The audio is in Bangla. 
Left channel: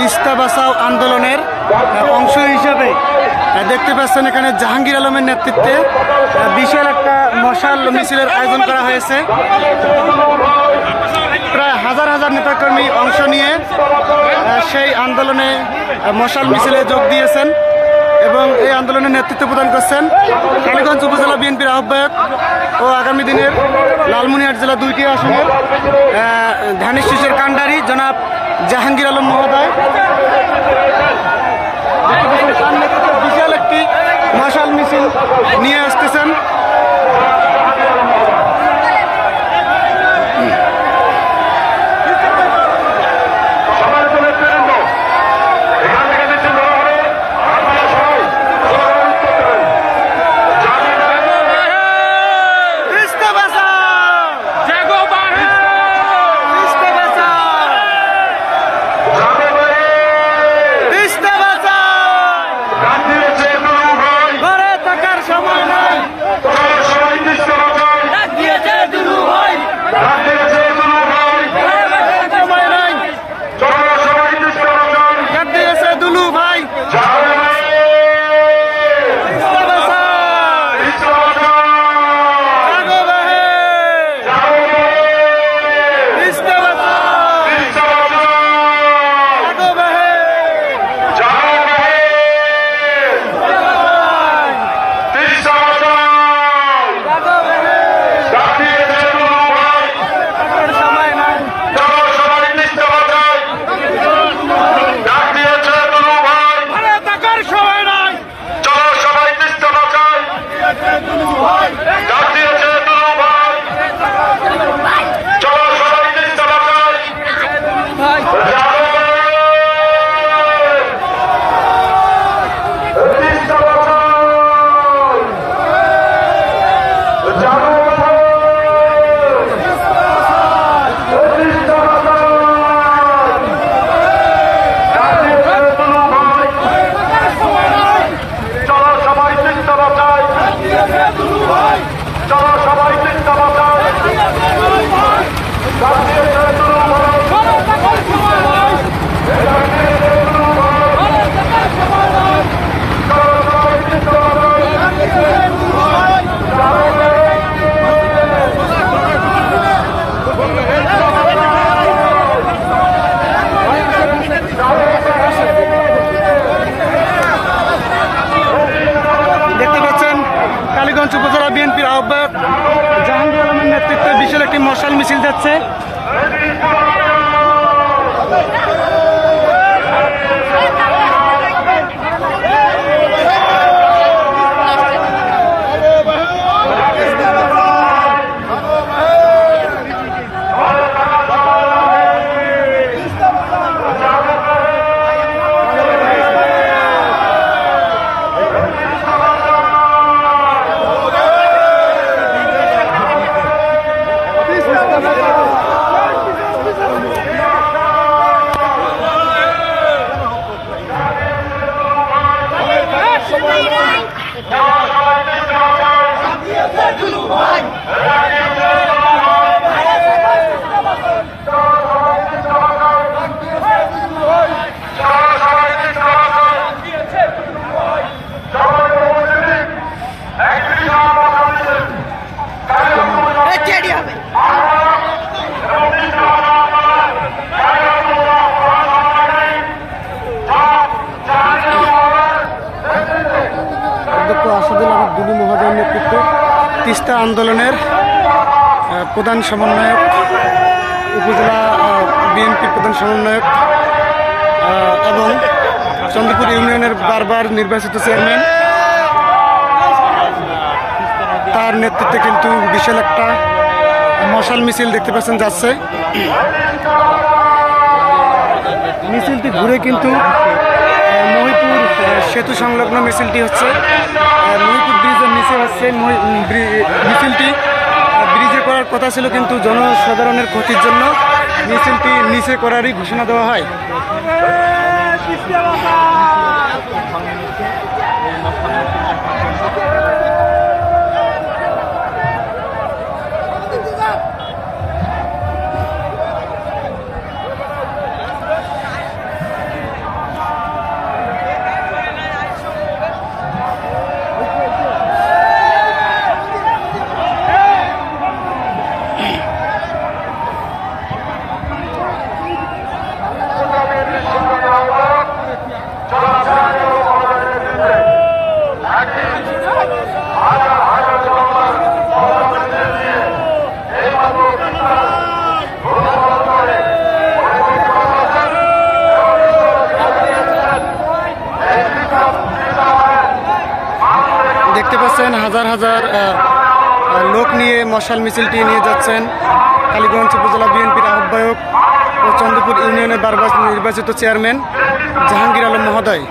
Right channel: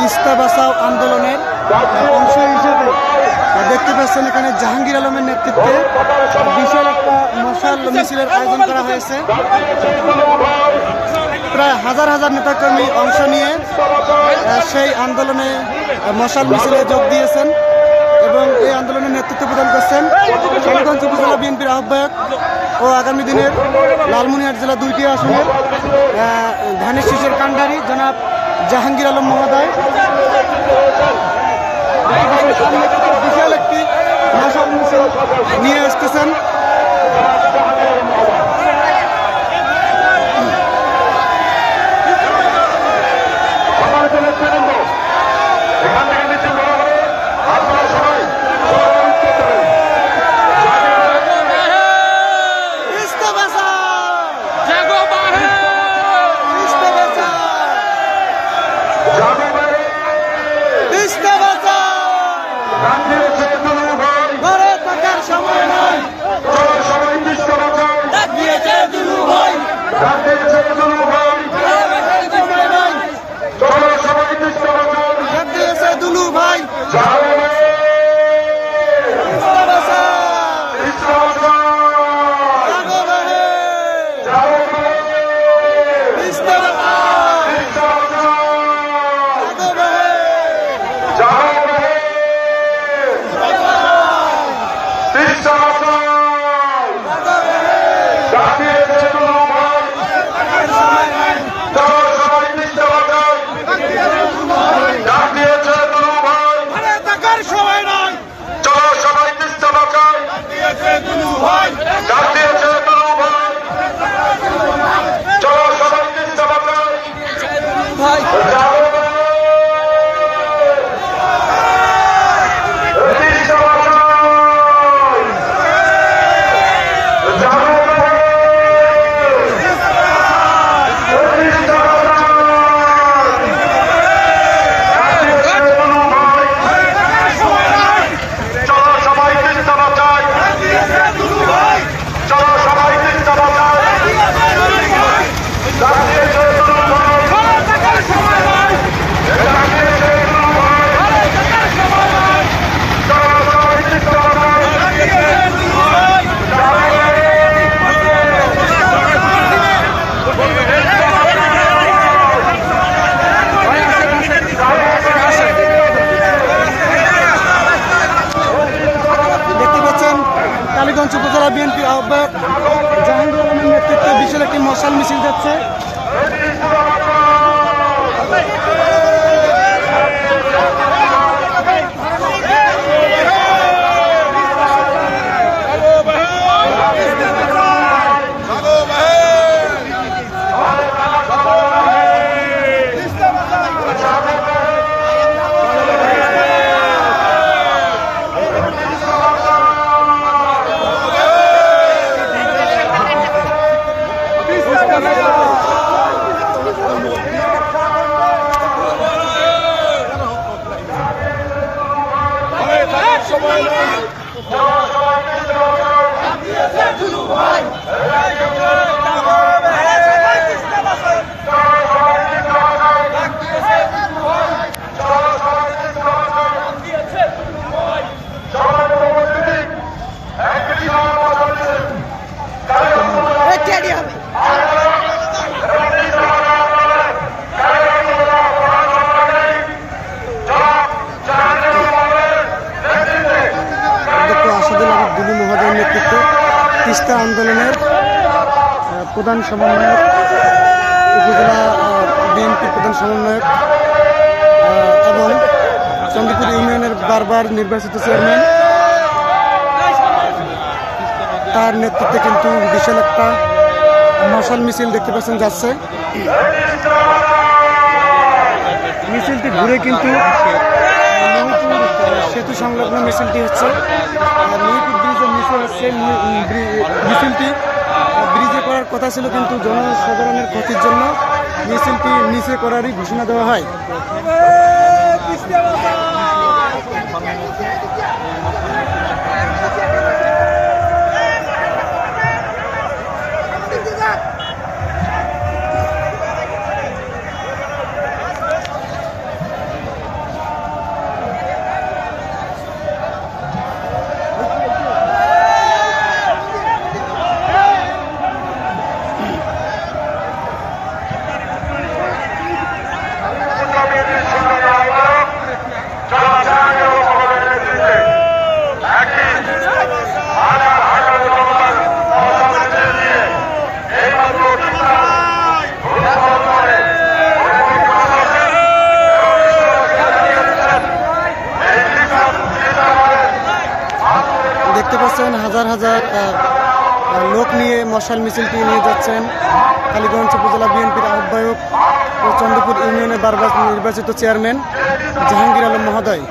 তিস্তা বাঁচাও আন্দোলনের অংশ হিসেবে দেখতে পাচ্ছেন এখানে জাহাঙ্গীর আলমের নেতৃত্বে বিশাল একটা মশাল মিছিলের আয়োজন করা হয়েছে। প্রায় হাজার হাজার নেতাকর্মী অংশ নিয়ে সেই আন্দোলনে মশাল মিছিলে যোগ দিয়েছেন এবং এই আন্দোলনের নেতৃত্ব প্রদান করছেন কালীগঞ্জ উপজেলা বিএনপির আহ্বায়ক ও আগামী দিনের লালমনিরহাট জেলা 2টি আসনের ধানের শীষের কাণ্ডারি জনাব জাহাঙ্গীর আলম মহোদয়। বিশাল একটি মশাল মিছিল নিয়ে আসতেছেন। কালীগঞ্জ উপজেলা বিএনপির আহ্বায়ক জাহাঙ্গীর আলমের নেতৃত্বে বিশাল একটি মশাল মিছিল যাচ্ছে। তিস্তা আন্দোলনের প্রধান সমন্বয়ক, উপজেলা বিএনপির প্রধান সমন্বয়ক এবং চন্দ্রপুর ইউনিয়নের বারবার নির্বাচিত চেয়ারম্যান, তার নেতৃত্বে কিন্তু বিশাল একটা মশাল মিছিল দেখতে পাচ্ছেন যাচ্ছে। মিছিলটি ঘুরে কিন্তু মহিপুর সেতু সংলগ্ন মিছিলটি হচ্ছে। মহিপুর ব্রিজের নিচে হচ্ছে মিছিলটি। ব্রিজে করার কথা ছিল কিন্তু জনসাধারণের ক্ষতির জন্য মিছিলটি নিচে করারই ঘোষণা দেওয়া হয়। বিএনপির সংগ্রামী আহ্বায়ক জনাব জাহাঙ্গীর আলম মহোদয়ের নেতৃত্বে একদিন হাজার হাজার জনতার মশাল মিছিল নিয়ে এইমাত্র চিৎকার করে দেখতে পাচ্ছেন হাজার হাজার লোক নিয়ে মশাল মিছিলটি নিয়ে যাচ্ছেন কালীগঞ্জ উপজেলা বিএনপির আহ্বায়ক ও চন্দ্রপুর ইউনিয়নের বারবার নির্বাচিত চেয়ারম্যান জাহাঙ্গীর আলম মহোদয়।